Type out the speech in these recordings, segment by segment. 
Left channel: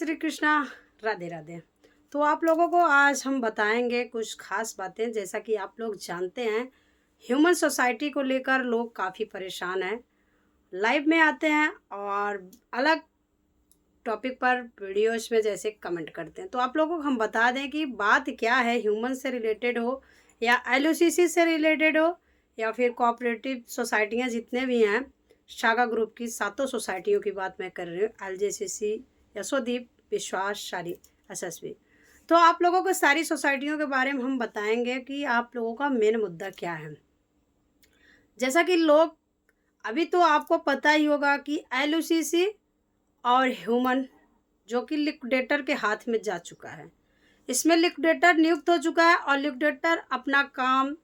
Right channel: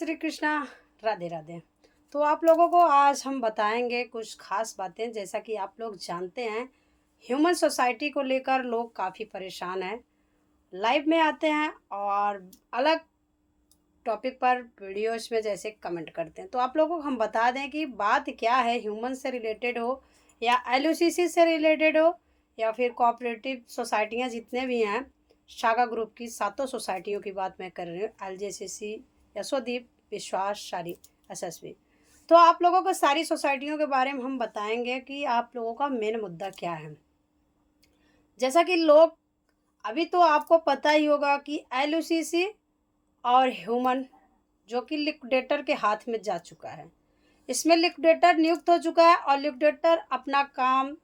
श्री कृष्णा। राधे राधे। तो आप लोगों को आज हम बताएंगे कुछ खास बातें। जैसा कि आप लोग जानते हैं, ह्यूमन सोसाइटी को लेकर लोग काफ़ी परेशान हैं। लाइव में आते हैं और अलग टॉपिक पर वीडियोस में जैसे कमेंट करते हैं। तो आप लोगों को हम बता दें कि बात क्या है, ह्यूमन से रिलेटेड हो या एलओसीसी से रिलेटेड हो या फिर कोऑपरेटिव सोसाइटियाँ जितने भी हैं, शाखा ग्रुप की सातों सोसाइटियों की बात मैं कर रही हूँ, एलजेसीसी, यशोदीप, विश्वास, शारी, एसएसबी। तो आप लोगों को सारी सोसाइटियों के बारे में हम बताएंगे कि आप लोगों का मेन मुद्दा क्या है। जैसा कि लोग अभी तो आपको पता ही होगा कि एलओसीसी और ह्यूमन जो कि लिक्विडेटर के हाथ में जा चुका है। इसमें लिक्विडेटर नियुक्त हो चुका है और लिक्विडेटर अपना काम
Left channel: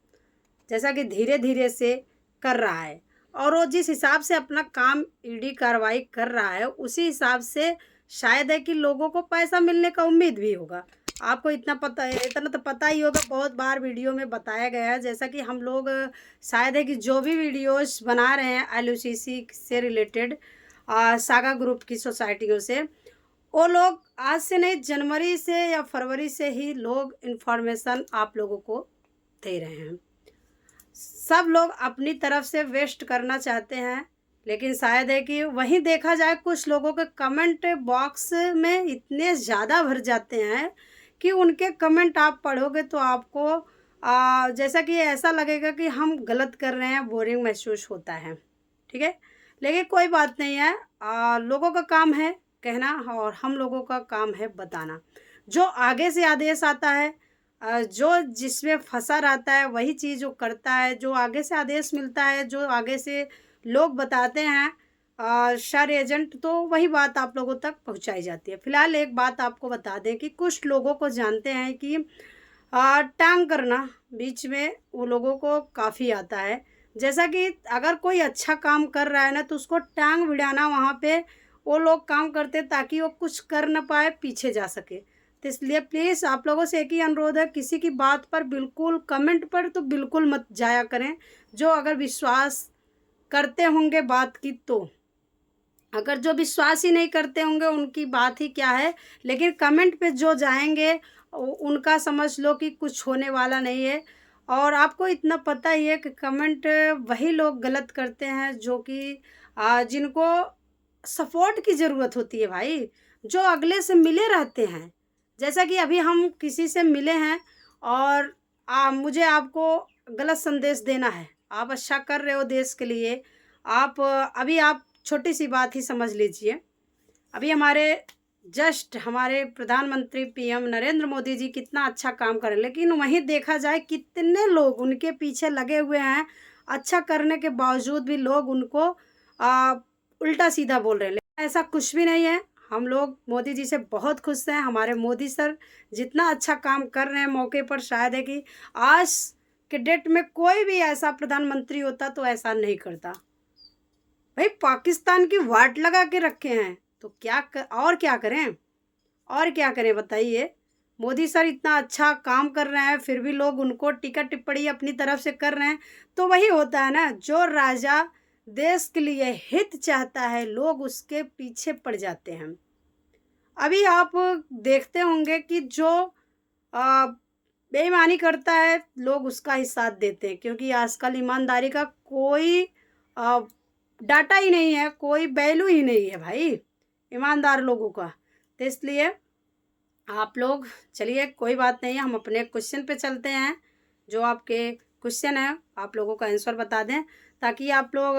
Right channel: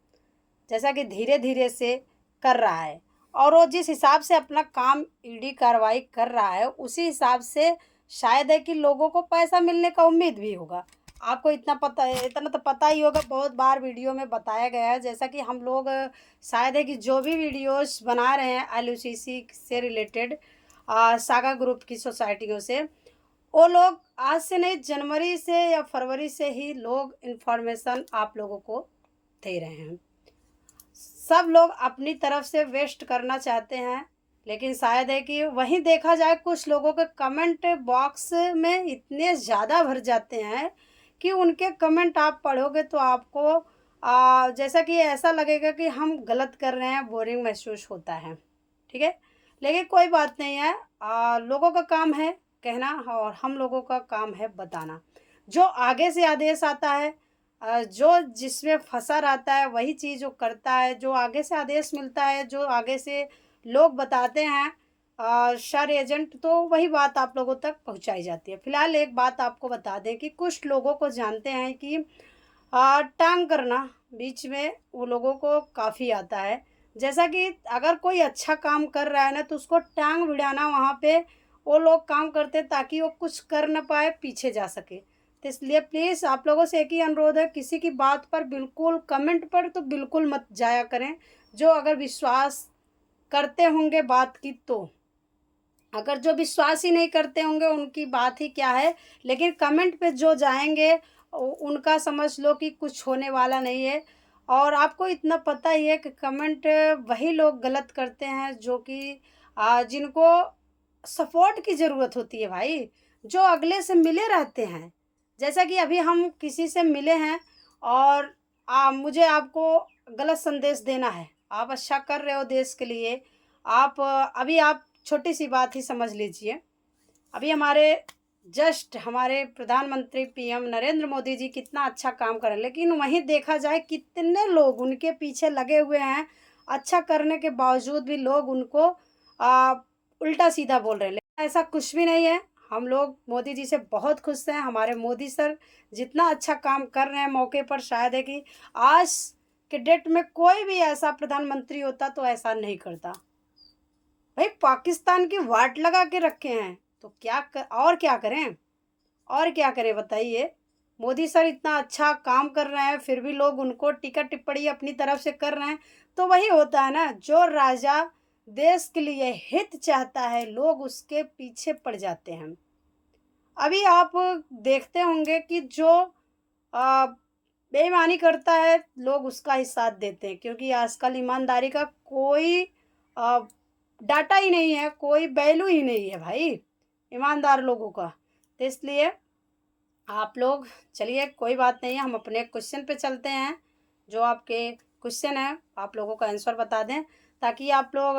जैसा कि धीरे धीरे से कर रहा है, और वो जिस हिसाब से अपना काम ईडी कार्रवाई कर रहा है उसी हिसाब से शायद है कि लोगों को पैसा मिलने का उम्मीद भी होगा। आपको इतना पता है, इतना तो पता ही होगा, बहुत बार वीडियो में बताया गया है। जैसा कि हम लोग शायद है कि जो भी वीडियोस बना रहे हैं एलओसीसी से रिलेटेड सागा ग्रुप की सोसाइटियों से, वो लोग आज से नहीं, जनवरी से या फरवरी से ही लोग इन्फॉर्मेशन आप लोगों को दे रहे हैं। सब लोग अपनी तरफ से वेस्ट करना चाहते हैं, लेकिन शायद है कि वहीं देखा जाए कुछ लोगों के कमेंट बॉक्स में इतने ज़्यादा भर जाते हैं कि उनके कमेंट आप पढ़ोगे तो आपको जैसा कि ऐसा लगेगा कि हम गलत कर रहे हैं, बोरिंग महसूस होता है। ठीक है, लेकिन कोई बात नहीं है। लोगों का काम है कहना और हम लोगों का काम है बताना। जो आगे से आदेश आता है, जो जिसमें फंसा रहता है वही चीज़ वो करता है। जो आगे से आदेश मिलता है, जो आगे से लोग बताते हैं शर एजेंट, तो वही बात आप लोगों तक पहुंचाई जाती है। फिलहाल एक बात आपको बता दें कि कुछ लोगों को जानते हैं कि टांग करना बीच में वो लोगों को काफ़ी आता है। जैसा कि अगर कोई अच्छा काम कर रहा है ना, तो उसको टांग भिड़ाना वहाँ पे वो लोग काम करते ताकि वो कुछ कर न पाए, पीछे जा सके। तो इसलिए प्लीज़ आप लोगों से एक ही अनुरोध है, किसी की बात पर बिल्कुल कमेंट पर तो बिल्कुल मत जाया करें। जो अगर विश्वास करते होंगे बात की, तो अगर जो विश्वास ही नहीं करते होंगे उनकी बात ही क्या है, लेकिन कमेंट पे जो जाएंगे उनका समझ लो कि कुछ होने वाला नहीं है। और आपको इतना पता ही है कि कमेंट वही लोग गलत करते हैं जो कि जिनको सपोर्ट की ज़रूरत होती है भाई, जो अगले से मिले रहते हैं। जैसा कि अभी हम किसी से मिले हैं और मुझे आपको गलत संदेश देना है। आप अच्छा कर रहे हो देश के लिए। अभी आप छोटी सी बात ही समझ लीजिए। अभी हमारे प्रधानमंत्री पीएम नरेंद्र मोदी जी कितना अच्छा काम कर रहे हैं, लेकिन वहीं देखा जाए कितने लोग उनके पीछे लगे हुए हैं। अच्छा करने के बावजूद भी लोग उनको आ, उल्टा सीधा बोल रहे हैं। लेकिन ऐसा कुछ भी नहीं है। हम लोग मोदी जी से बहुत खुश हैं। हमारे मोदी सर जितना अच्छा काम कर रहे हैं मौके पर, शायद है कि आज के डेट में कोई भी ऐसा प्रधानमंत्री होता तो ऐसा नहीं करता। भाई पाकिस्तान की वाट लगा के रखे हैं, तो और क्या करें, और क्या करें बताइए। मोदी सर इतना अच्छा काम कर रहे हैं, फिर भी लोग उनको टीका टिप्पणी अपनी तरफ से कर रहे हैं। तो वही होता है ना, जो राजा देश के लिए हित चाहता है लोग उसके पीछे पड़ जाते हैं। अभी आप देखते होंगे कि जो आ, बेईमानी करता है लोग उसका ही साथ देते हैं, क्योंकि आजकल ईमानदारी का कोई आ, डाटा ही नहीं है, कोई वैल्यू ही नहीं है भाई ईमानदार लोगों का। तो इसलिए आप लोग चलिए, कोई बात नहीं है, हम अपने क्वेश्चन पे चलते हैं। जो आपके क्वेश्चन है आप लोगों का आंसर बता दें, ताकि आप लोग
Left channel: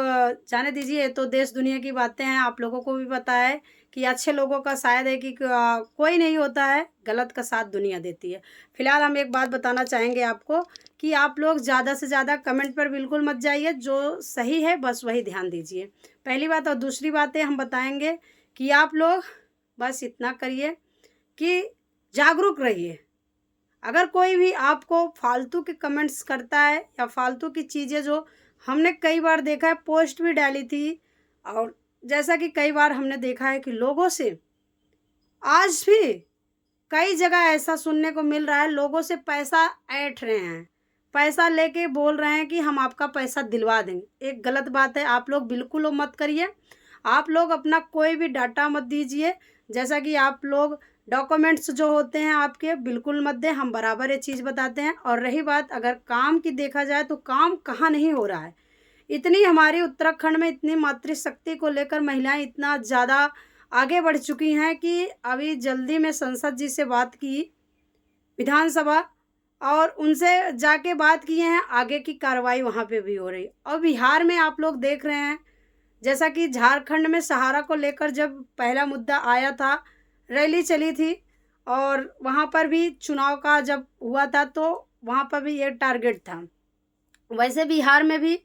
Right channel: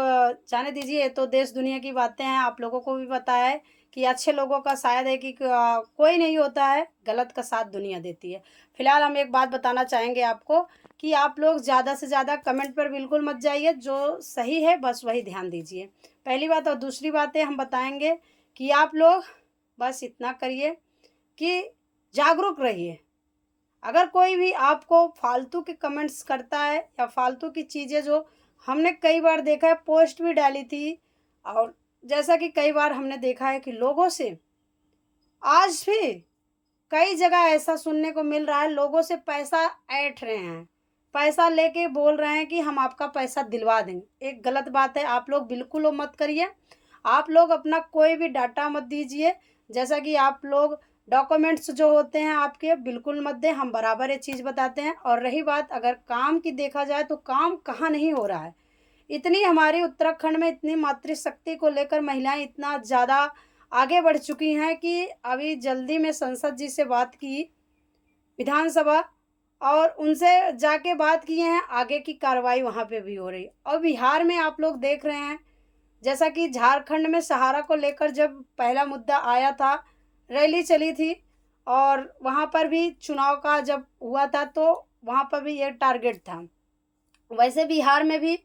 जाने दीजिए। ये तो देश दुनिया की बातें हैं, आप लोगों को भी पता है कि अच्छे लोगों का शायद है कि कोई नहीं होता है, गलत का साथ दुनिया देती है। फिलहाल हम एक बात बताना चाहेंगे आपको कि आप लोग ज़्यादा से ज़्यादा कमेंट पर बिल्कुल मत जाइए, जो सही है बस वही ध्यान दीजिए, पहली बात। और दूसरी बात है, हम बताएंगे कि आप लोग बस इतना करिए कि जागरूक रहिए। अगर कोई भी आपको फालतू के कमेंट्स करता है या फालतू की चीज़ें, जो हमने कई बार देखा है, पोस्ट भी डाली थी, और जैसा कि कई बार हमने देखा है कि लोगों से आज भी कई जगह ऐसा सुनने को मिल रहा है, लोगों से पैसा ऐंठ रहे हैं, पैसा लेके बोल रहे हैं कि हम आपका पैसा दिलवा देंगे। एक गलत बात है, आप लोग बिल्कुल वो मत करिए। आप लोग अपना कोई भी डाटा मत दीजिए, जैसा कि आप लोग डॉक्यूमेंट्स जो होते हैं आपके बिल्कुल मत दें, हम बराबर ये चीज़ बताते हैं। और रही बात अगर काम की देखा जाए तो काम कहाँ नहीं हो रहा है। इतनी हमारी उत्तराखंड में इतनी मातृशक्ति को लेकर महिलाएं इतना ज़्यादा आगे बढ़ चुकी हैं कि अभी जल्दी में संसद जी से बात की, विधानसभा, और उनसे जाके बात किए हैं, आगे की कार्रवाई वहाँ पे भी हो रही। और बिहार में आप लोग देख रहे हैं, जैसा कि झारखंड में सहारा को लेकर जब पहला मुद्दा आया था, रैली चली थी, और वहाँ पर भी चुनाव का जब हुआ था तो वहाँ पर भी ये टारगेट था। वैसे बिहार में भी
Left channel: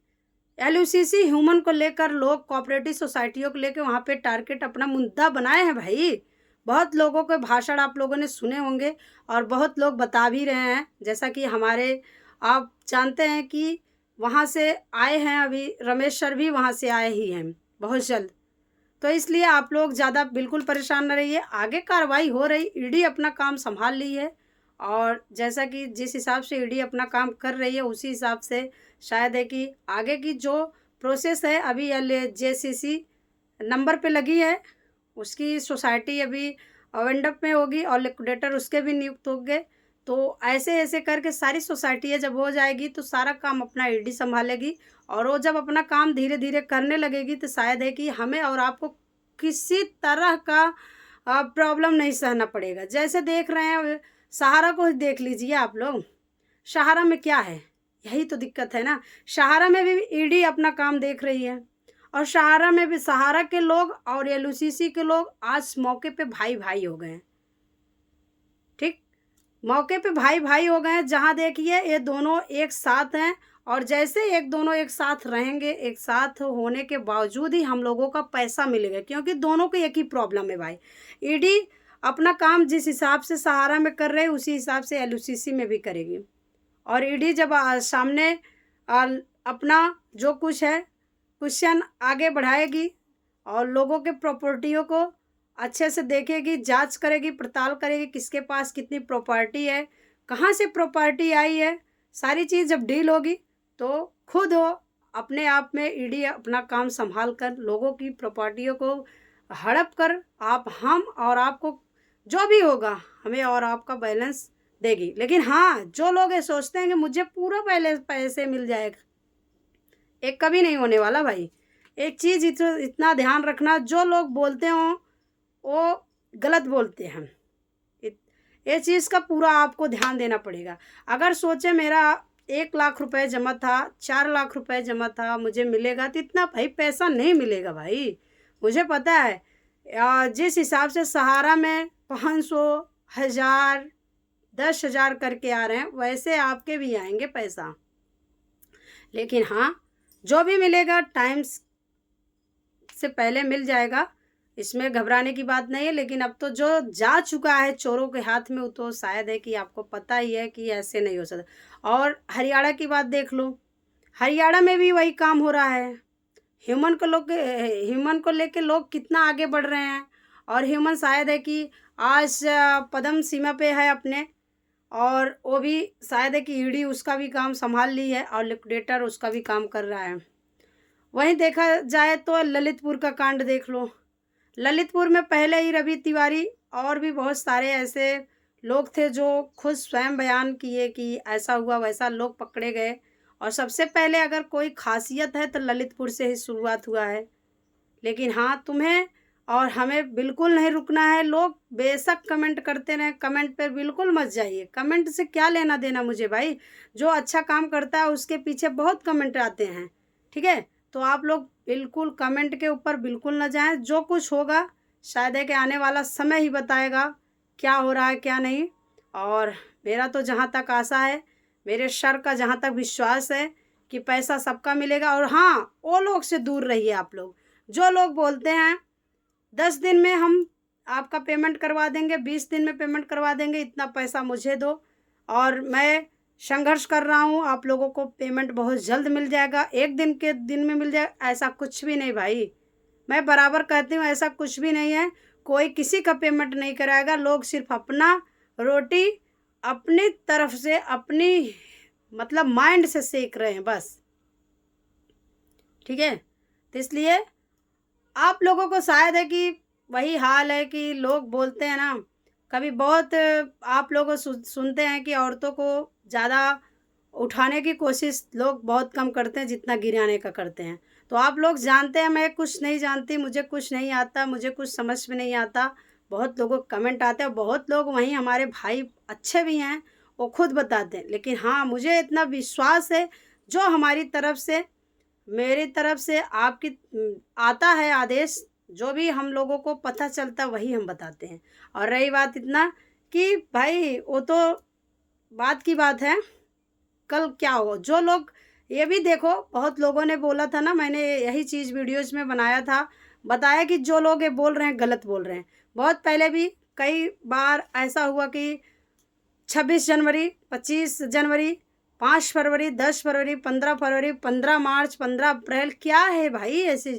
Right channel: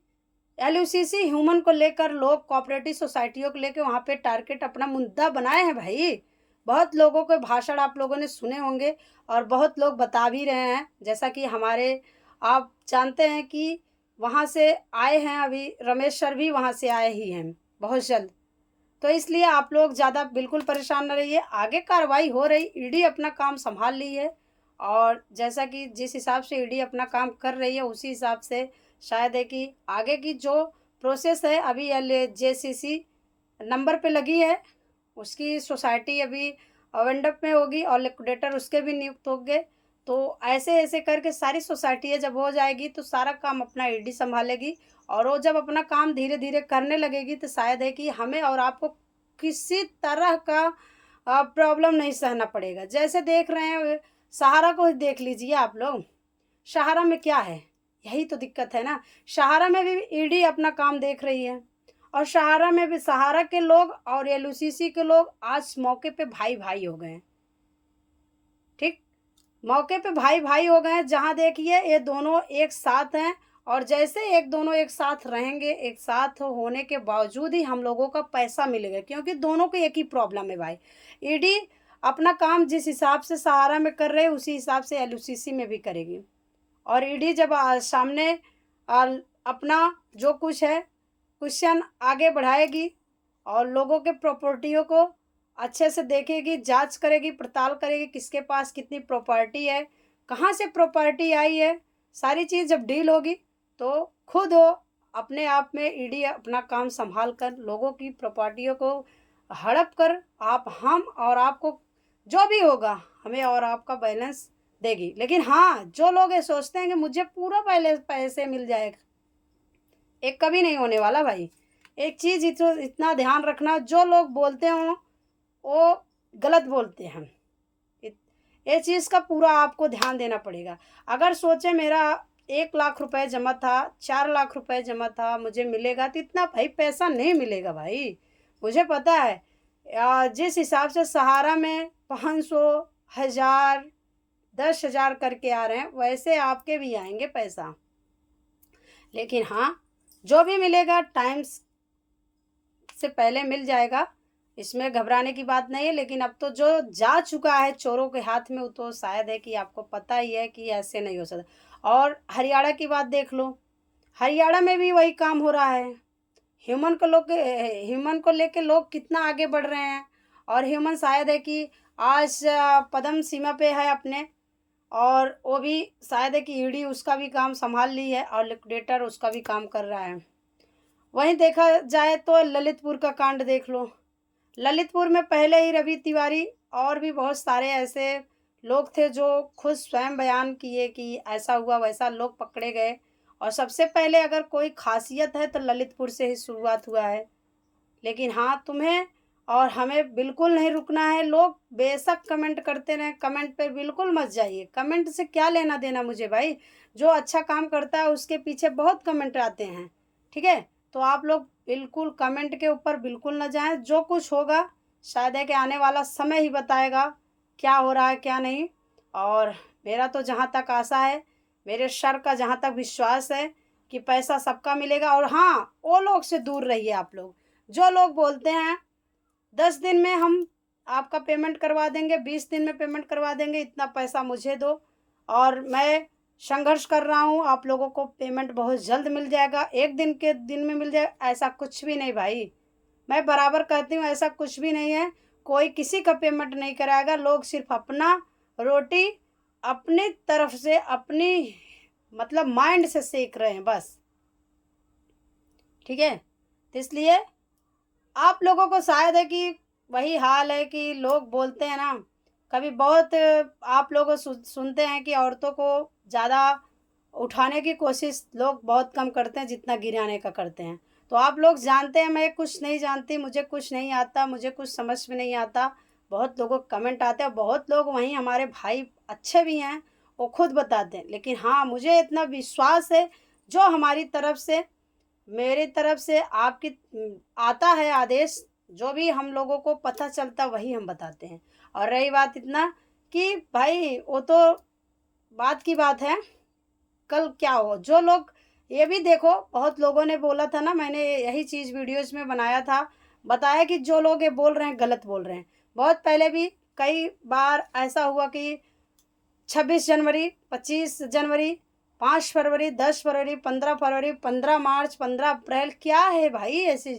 एलयूसीसी ह्यूमन को लेकर लोग कोऑपरेटिव सोसाइटियों को लेकर वहाँ पे टारगेट अपना मुद्दा बनाए हैं भाई। बहुत लोगों के भाषण आप लोगों ने सुने होंगे और बहुत लोग बता भी रहे हैं, जैसा कि हमारे आप जानते हैं कि वहाँ से आए हैं, अभी रमेश सर भी वहाँ से आए ही हैं बहुत जल्द। तो इसलिए आप लोग ज़्यादा बिल्कुल परेशान न रहिए, आगे कार्रवाई हो रही, ईडी अपना काम संभाल ली है। और जैसा कि जिस हिसाब से ईडी अपना काम कर रही है उसी हिसाब से शायद है कि आगे की जो प्रोसेस है, अभी जेसीसी नंबर पे लगी है, उसकी सोसाइटी अभी वेंडअप में होगी और लिक्विडेटर उसके भी नियुक्त होंगे। तो ऐसे ऐसे करके सारी सोसाइटी जब हो जाएगी तो सारा काम अपना ईडी संभालेगी, और वो जब अपना काम धीरे धीरे करने लगेगी तो शायद है कि हमें और आपको किसी तरह का प्रॉब्लम नहीं सहना पड़ेगा। जैसे देख रहे हैं सहारा को देख लीजिए आप लोग, सहारा में क्या है, यही तो दिक्कत है ना। सहारा में भी ईडी अपना काम देख रही है, और सहारा में भी सहारा के लोग और एलयूसीसी के लोग आज मौके पे भाई भाई हो गए हैं। ठीक, मौके पे भाई भाई हो गए हैं, जहाँ देखिए ये दोनों एक साथ हैं, और जैसे एक दोनों एक साथ रहेंगे, एक साथ होने के बावजूद ही हम लोगों का पैसा मिलेगा, क्योंकि दोनों को एक ही प्रॉब्लम है भाई। ईडी अपना काम जिस हिसाब से सहारा में कर रहे हैं उसी हिसाब से एलयूसीसी में भी करेगी। और ईडी जब सामने अपना जो कुछ है क्वेश्चन आगे बढ़ाएगी और लोगों के प्रॉपर्टियों को अच्छे से देखेगी, जांच करेगी, पड़ताल करेगी, किसके पास कितनी प्रॉपर्टी है, कहाँ से प्रॉपर्टी आई है, सारी चीज़ जब डील होगी तो खुद हो अपने आप में ईडी अपना काम संभाल कर लोगों की प्रॉपर्टियों को हड़प कर आप हम और आपको जो भी होगा हमें और आपका बैलेंस देगी। लेकिन हाँ, जो लोग ये सोचते हैं कि मुझे पूरा पहले पैसे मिल जाएगा, एक कभी नहीं होने वाला भाई। एक चीज़ इतना ध्यान रखना, जो लोग बोलते हों वो गलत बोलते हैं। ये चीज़ का पूरा आपको ध्यान देना पड़ेगा। अगर सोचे मेरा 1 लाख रुपए जमा था, 4 लाख रुपए जमा था, मुझे मिलेगा, तो इतना भाई पैसा नहीं मिलेगा भाई। मुझे पता है जिस हिसाब से सहारा में 500, 1000, 10,000 करके आ रहे हैं, वैसे आपके भी आएंगे पैसा। लेकिन हाँ, जो भी मिलेगा टाइम से पहले मिल जाएगा, इसमें घबराने की बात नहीं है। लेकिन अब तो जो जा चुका है चोरों के हाथ में, वो तो शायद है कि आपको पता ही है कि ऐसे नहीं हो सकता। और हरियाणा की बात देख लो, हरियाणा में भी वही काम हो रहा है। ह्यूमन को लेके लोग कितना आगे बढ़ रहे हैं, और ह्यूमन शायद है कि आज पदम सीमा पे है अपने, और वो भी शायद है कि ईडी उसका भी काम संभाल ली है और लिक्विडेटर उसका भी काम कर रहा है। वहीं देखा जाए तो ललितपुर का कांड देख लो। ललितपुर में पहले ही रवि तिवारी और भी बहुत सारे ऐसे लोग थे जो खुद स्वयं बयान किए कि ऐसा हुआ वैसा, लोग पकड़े गए। और सबसे पहले अगर कोई खासियत है तो ललितपुर से ही शुरुआत हुआ है। लेकिन हाँ, तुम्हें और हमें बिल्कुल नहीं रुकना है। लोग बेशक कमेंट करते रहें, कमेंट पे बिल्कुल मत जाइए। कमेंट से क्या लेना देना मुझे भाई, जो अच्छा काम करता है उसके पीछे बहुत कमेंट आते हैं। ठीक है, तो आप लोग बिल्कुल कमेंट के ऊपर बिल्कुल ना जाएं। जो कुछ होगा शायद है कि आने वाला समय ही बताएगा क्या हो रहा है क्या नहीं। और मेरा तो जहाँ तक आशा है, मेरे सर का जहाँ तक विश्वास है कि पैसा सबका मिलेगा। और हाँ, वो लोग से दूर रहिए आप लोग जो लोग बोलते हैं 10 दिन में हम आपका पेमेंट करवा देंगे, 20 दिन में पेमेंट करवा देंगे, इतना पैसा मुझे दो और मैं संघर्ष कर रहा हूँ, आप लोगों को पेमेंट बहुत जल्द मिल जाएगा, 1 दिन के दिन में मिल जाएगा। ऐसा कुछ भी नहीं भाई, मैं बराबर कहती हूँ, ऐसा कुछ भी नहीं है। कोई किसी का पेमेंट नहीं कराएगा। लोग सिर्फ अपना रोटी अपनी तरफ से, अपनी मतलब माइंड से सेक रहे हैं बस। ठीक है, तो इसलिए आप लोगों को शायद है कि वही हाल है कि लोग बोलते हैं ना, कभी बहुत आप लोग सुनते हैं कि औरतों को ज़्यादा उठाने की कोशिश लोग बहुत कम करते हैं जितना गिराने का करते हैं। तो आप लोग जानते हैं मैं कुछ नहीं जानती, मुझे कुछ नहीं आता, मुझे कुछ समझ में नहीं आता। बहुत लोगों को कमेंट आते हैं, बहुत लोग वहीं हमारे भाई अच्छे भी हैं, वो खुद बताते हैं। लेकिन हाँ, मुझे इतना विश्वास है, जो हमारी तरफ से, मेरी तरफ से आपकी आता है आदेश, जो भी हम लोगों को पता चलता वही हम बताते हैं। और रही बात इतना कि भाई वो तो बात की बात है, कल क्या हो। जो लोग ये भी देखो, बहुत लोगों ने बोला था ना, मैंने यही चीज़ वीडियोज़ में बनाया था, बताया कि जो लोग ये बोल रहे हैं गलत बोल रहे हैं। बहुत पहले भी कई बार ऐसा हुआ कि 26 जनवरी, 25 जनवरी, 5 फरवरी, 10 फरवरी, 15 फरवरी, 15 मार्च, 15 अप्रैल, क्या है भाई, ऐसी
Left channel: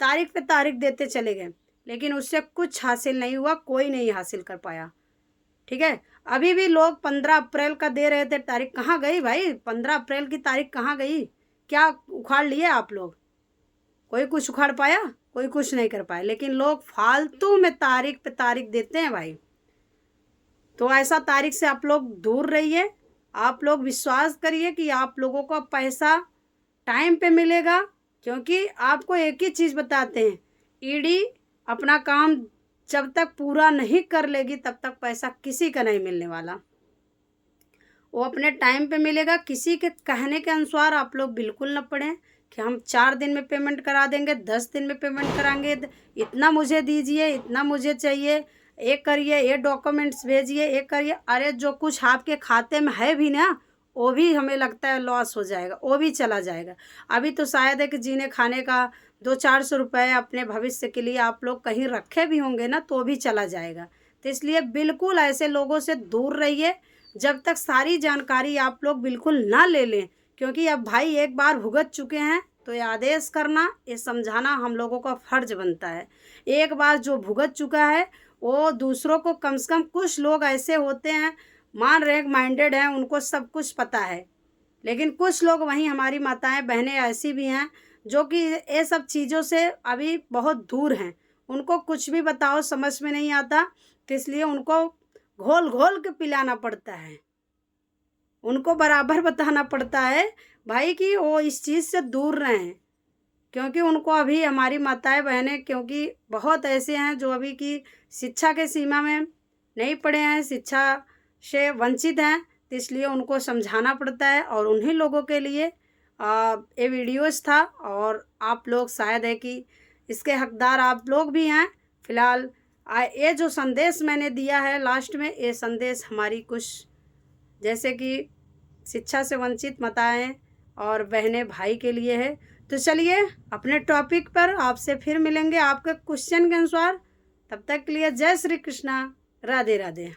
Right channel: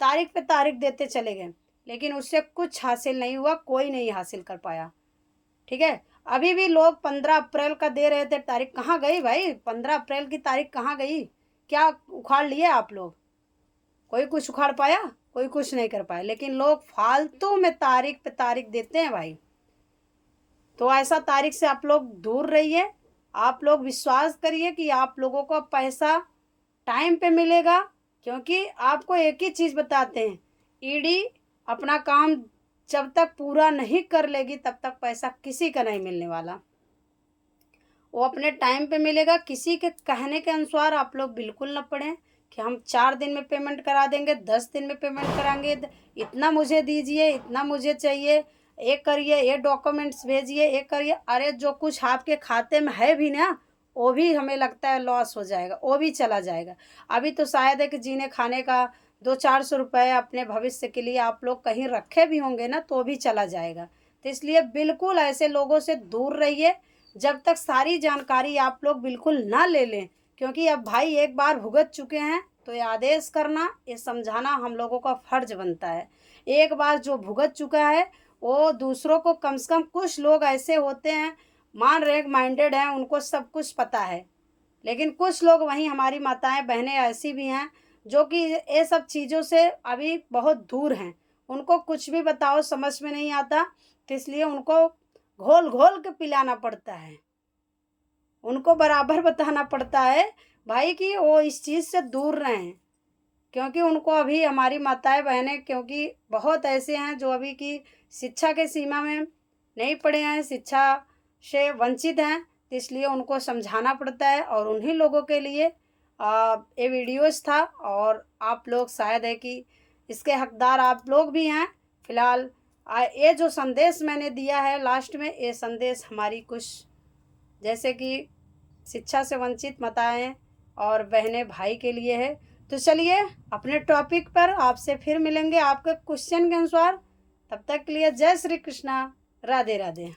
तारीख पे तारीख देते चले गए, लेकिन उससे कुछ हासिल नहीं हुआ, कोई नहीं हासिल कर पाया। ठीक है, अभी भी लोग 15 अप्रैल का दे रहे थे तारीख, कहाँ गई भाई 15 अप्रैल की तारीख, कहाँ गई? क्या उखाड़ लिए आप लोग? कोई कुछ उखाड़ पाया? कोई कुछ नहीं कर पाया। लेकिन लोग फालतू में तारीख पे तारीख देते हैं भाई। तो ऐसा तारीख से आप लोग दूर रहिए। आप लोग विश्वास करिए कि आप लोगों को पैसा टाइम पे मिलेगा, क्योंकि आपको एक ही चीज़ बताते हैं, ईडी अपना काम जब तक पूरा नहीं कर लेगी तब तक पैसा किसी का नहीं मिलने वाला। वो अपने टाइम पे मिलेगा। किसी के कहने के अनुसार आप लोग बिल्कुल न पड़ें कि हम 4 दिन में पेमेंट करा देंगे, 10 दिन में पेमेंट कराएंगे, इतना मुझे दीजिए, इतना मुझे चाहिए, ये करिए, ये डॉक्यूमेंट्स भेजिए, ये करिए। अरे जो कुछ आपके खाते में है भी ना, वो भी हमें लगता है लॉस हो जाएगा, वो भी चला जाएगा। अभी तो शायद है कि जीने खाने का 200-400 रुपये अपने भविष्य के लिए आप लोग कहीं रखे भी होंगे ना, तो भी चला जाएगा। तो इसलिए बिल्कुल ऐसे लोगों से दूर रहिए, जब तक सारी जानकारी आप लोग बिल्कुल ना ले लें। क्योंकि अब भाई एक बार भुगत चुके हैं, तो ये आदेश करना, ये समझाना हम लोगों का फ़र्ज बनता है। एक बार जो भुगत चुका है, वो दूसरों को, कम से कम कुछ लोग ऐसे होते हैं मान रहे माइंडेड हैं, उनको सब कुछ पता है। लेकिन कुछ लोग वहीं हमारी माताएं बहनें ऐसी भी हैं जो कि ये सब चीज़ों से अभी बहुत दूर हैं। उनको कुछ भी बताओ समझ में नहीं आता, तो इसलिए उनको घोल घोल के पिलाना पड़ता है, उनको बराबर बताना पड़ता है भाई कि वो इस चीज़ से दूर रहें। क्योंकि उनको अभी हमारी माताएं बहनें, क्योंकि बहुत ऐसे हैं जो अभी की शिक्षा के सीमा में नहीं पढ़े हैं, शिक्षा से वंचित हैं, तो इसलिए उनको समझाना पड़ता है। और उन्हीं लोगों के लिए ये वीडियोस था। और आप लोग शायद है कि इसके हकदार आप लोग भी हैं। फ़िलहाल ये जो संदेश मैंने दिया है लास्ट में, ये संदेश हमारी कुछ जैसे कि शिक्षा से वंचित माताएं और बहनें भाई के लिए है। तो चलिए अपने टॉपिक पर आपसे फिर मिलेंगे आपके क्वेश्चन के अनुसार। तब तक के लिए जय श्री कृष्णा, राधे राधे।